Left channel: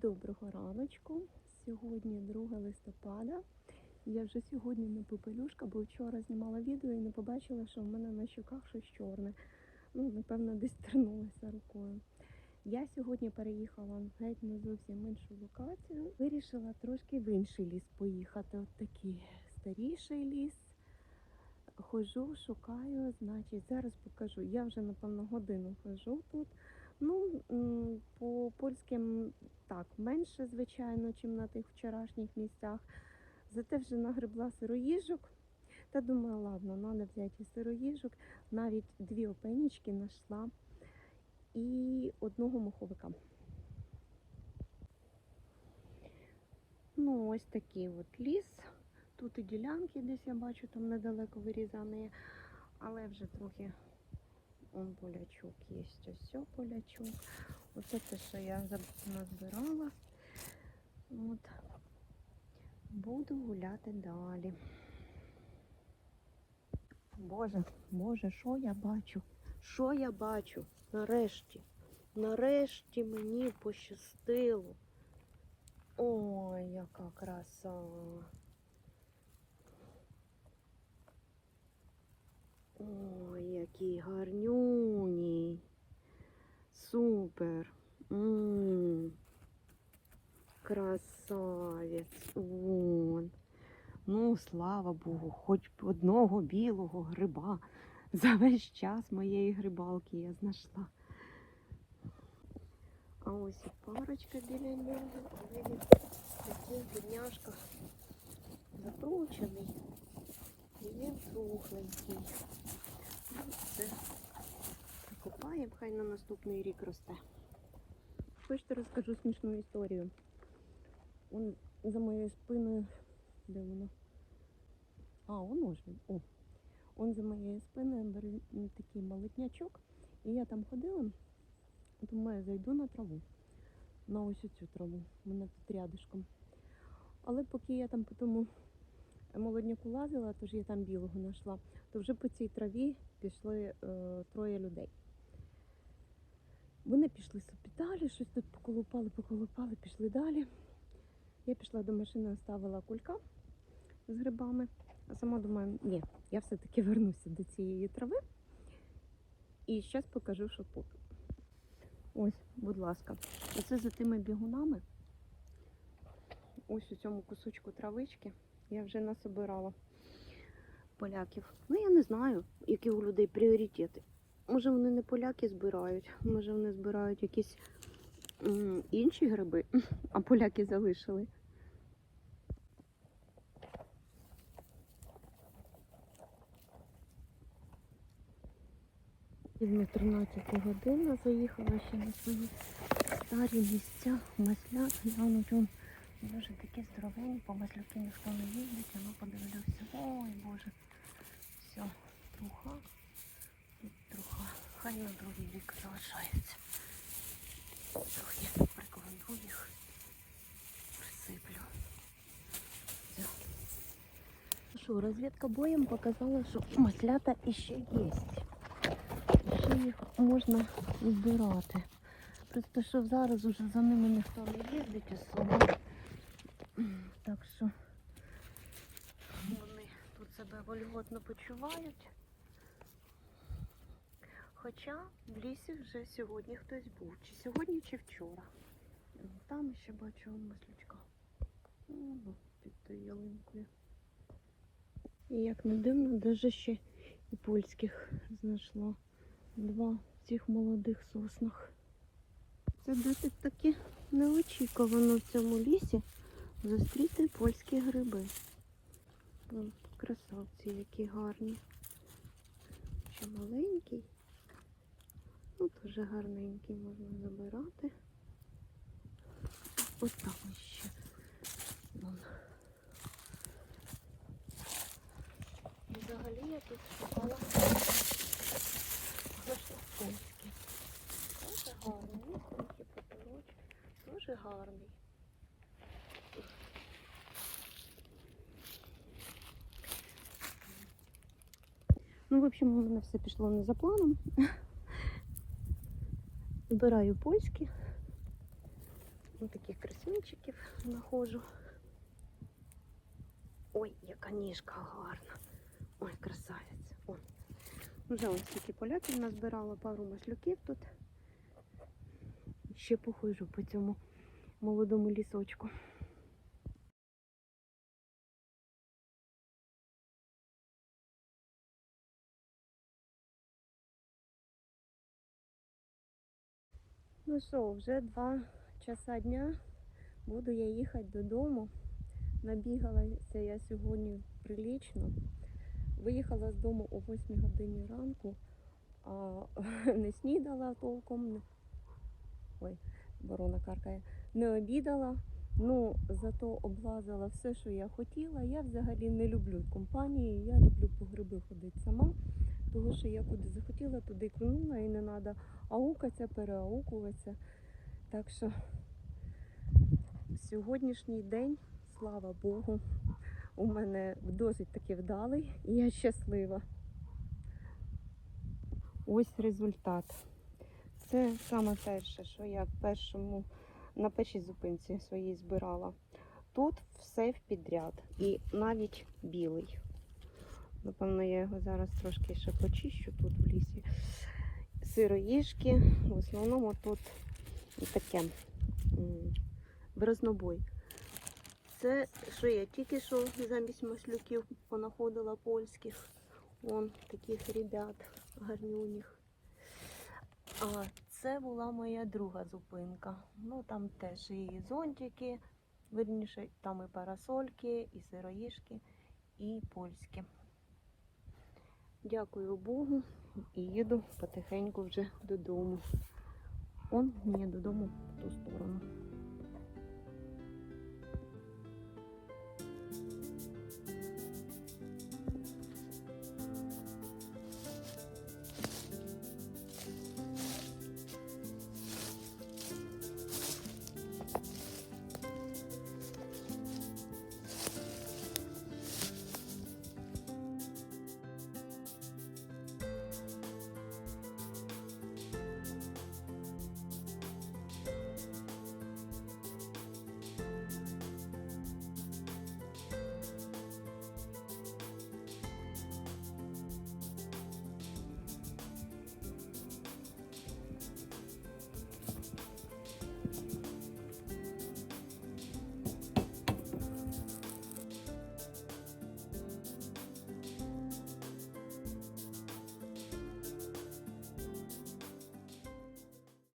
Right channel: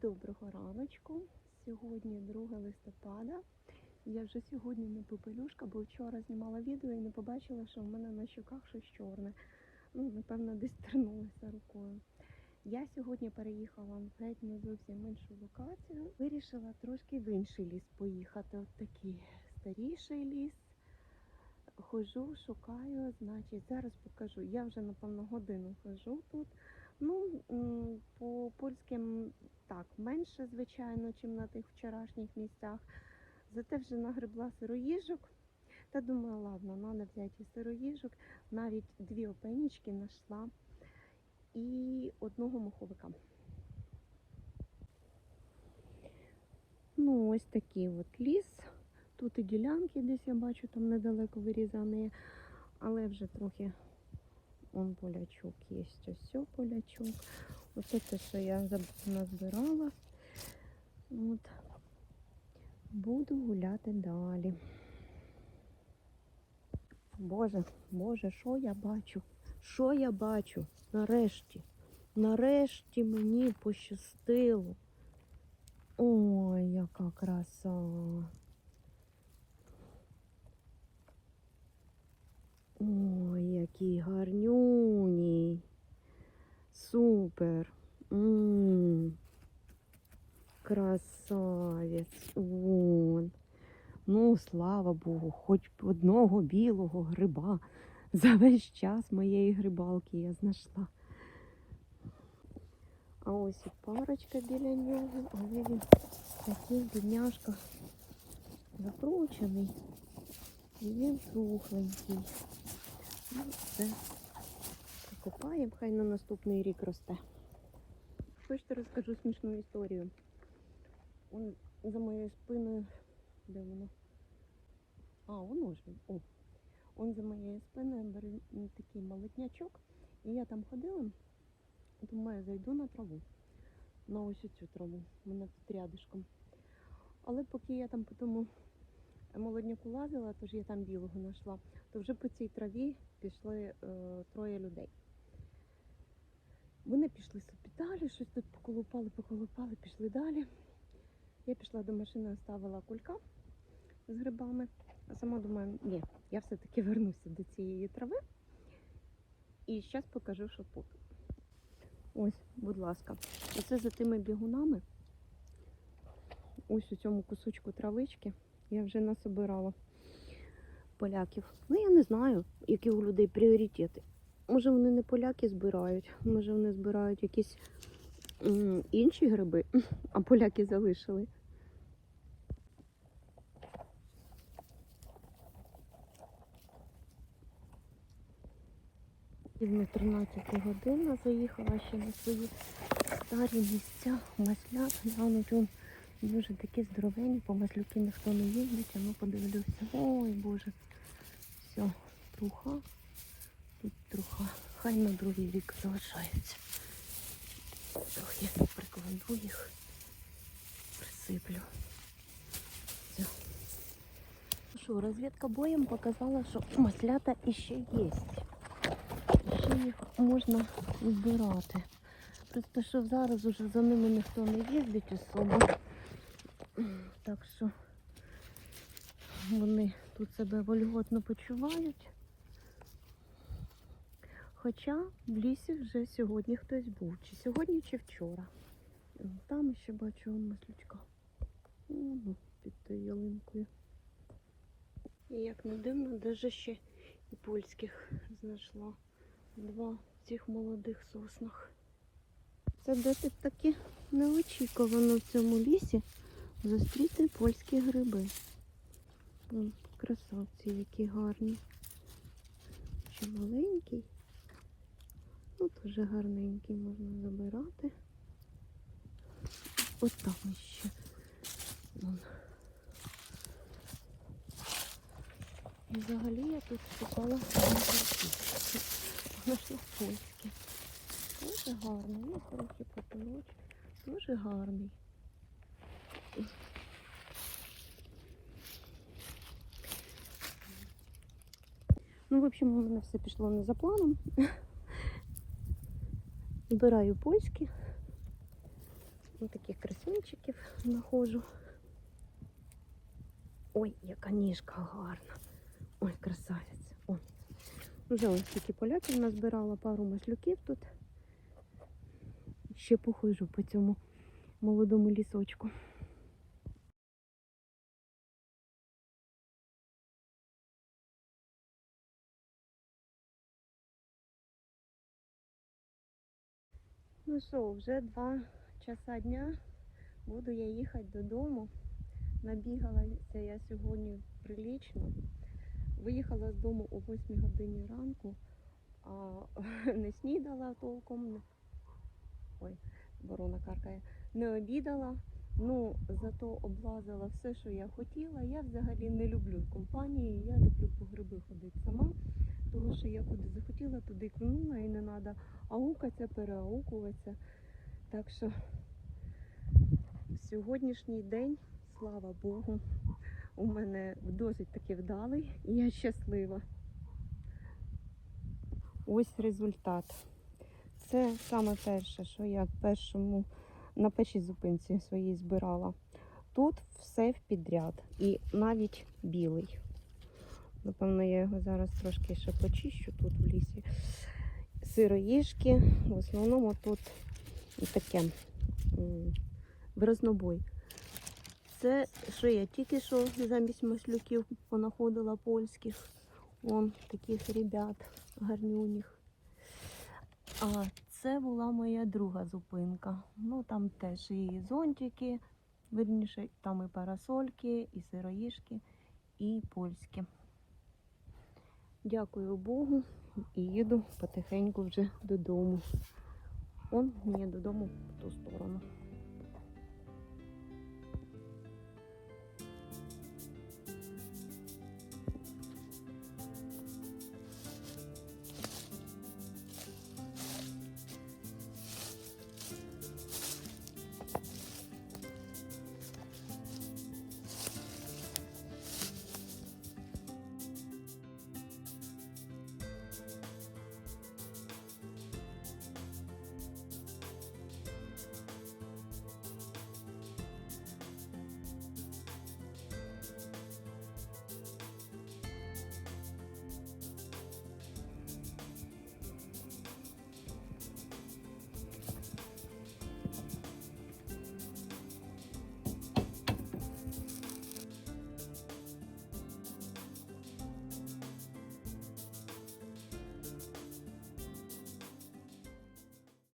Доброго раночку. Сьогодні 2 листопада. Я вже сьогодні не попелюшка, бо вчора знімала відео і не побачила, що в мене на щоках щось чорне. Ну, напевно, десь тернулася рукою. Я сьогодні переїхала геть не зовсім іншу локацію. Вирішила трошки в інший ліс поїхати. От такий старіший ліс. Хожу, шукаю, значить, зараз покажу. Я вже напевно годину хожу тут. Ну, по польським так, менше, звичайно, чим на тих вчорашніх місцях. Зате вже нагребла сироїжок. Та думаю, ладно, треба взяти сироїжок. Навіть дві опенічки знайшла і одного моховика. Ну, ось такий от ліс. Тут і ділянки десь я бачу, там недалеко вирізані, але вже трохи он полячок є. Ось все полячок. Оце те, що я назбирала. От. Буду гуляти далі. Боже, Боже, що я бачу? Що я бачу? Нарешті. Нарешті мені пощастило. Ой, яка краса. Ой, який гарнюній. Супер. м Красавець. Вон. Ну, слава Богу, хоч одного білого гриба. За весь час моєї грибалки я знайшла. А ось і парочка біля нього. Але він такий бідняшка закручений. І він сухленький. Ну, це покупаємо, хай на наступний рік росте. Хочете розкажу смішну історію. Он за моєю спиною. Де воно? А, воно ж. О. Он за моєю спиною бере такий молотнячок. І я там ходила. Думаю, зайду на траву. На ось цю траву. Вона тут рядишком. Але поки я там по тому молодняку лазила, тож я там білого знайшла, то вже по цій траві пішли е, троє людей. Вони пішли собі далі, щось тут поколупали, поколупали, пішли далі. Я пішла до машини, оставила кулька з грибами, а сама думаю, ні, я все-таки вернуся до цієї трави. І зараз покажу, що тут. Ось, будь ласка, оце за тими бігунами. Ось у цьому кусочку травички я вже насобирала поляків. Ну, я не знаю, які у людей пріоритети. Може, вони не поляки збирають, може вони збирають якісь інші гриби, а поляки залишили. Рівно 13 година заїхала ще на свої старі місця. Маслят, глянуть, он дуже такі здоровенні, по маслюки ніхто не їздить, а ну подивлюся. Ой, Боже. Все, труха. Труха. Хай на другий рік залишаються. Трохи прикладу їх, присиплю. Все. Що, розвідка боєм показала, що маслята іще є. Ще їх можна збирати. Просто що зараз уже за ними ніхто не їздить особо. Так що вони тут себе вольготно почувають. Хоча в лісі вже сьогодні хтось був. Чи сьогодні, чи вчора. Там ще бачу маслючка. Ну, під тою ялинкою. І як не дивно, даже ще і польських знайшла. Два цих молодих соснах. Це досить таки неочікувано в цьому лісі зустріти польські гриби. Красавці, які гарні. Ще маленький. Ну, дуже гарненький можна забирати. От там ще. І Взагалі я тут шукала наші польські. Дуже гарний. Ну, коротше, потолоч. Дуже гарний. Ну, в общем, у мене все пішло не за планом. Збираю польські Ось таких красунчиків знаходжу. Ой, яка ніжка гарна. Ой, красавець. Вже ось такі поляки назбирала, пару маслюків тут. Ще похожу по цьому молодому лісочку. Ну що, вже два часа дня. Буду я їхати додому. Набігалася я сьогодні прилічно. Виїхала з дому о 8 годині ранку, а не снідала толком. Ой, ворона каркає. Не обідала. Ну, зато облазила все, що я хотіла. Я взагалі не люблю компанії. Я люблю по гриби ходити сама. Тому що я куди захотіла, туди кинула і не треба аукатися, переаукуватися. Так що сьогоднішній день, слава Богу, у мене досить таки вдалий і я щаслива. Ось результат. Це саме перше, що я першому, на першій зупинці своїй збирала. Тут все в підряд і навіть білий. Напевно, я його зараз трошки ще почищу тут в лісі. Сироїжки, в основному тут таке бразнобой. Це що я тільки що замість маслюків понаходила польських. Вон таких ребят гарнюніх. А це була моя друга зупинка. Ну там теж і зонтики, верніше, там і парасольки, і сироїжки, і польські. Дякую Богу і їду потихеньку вже додому. Он мені додому в ту сторону.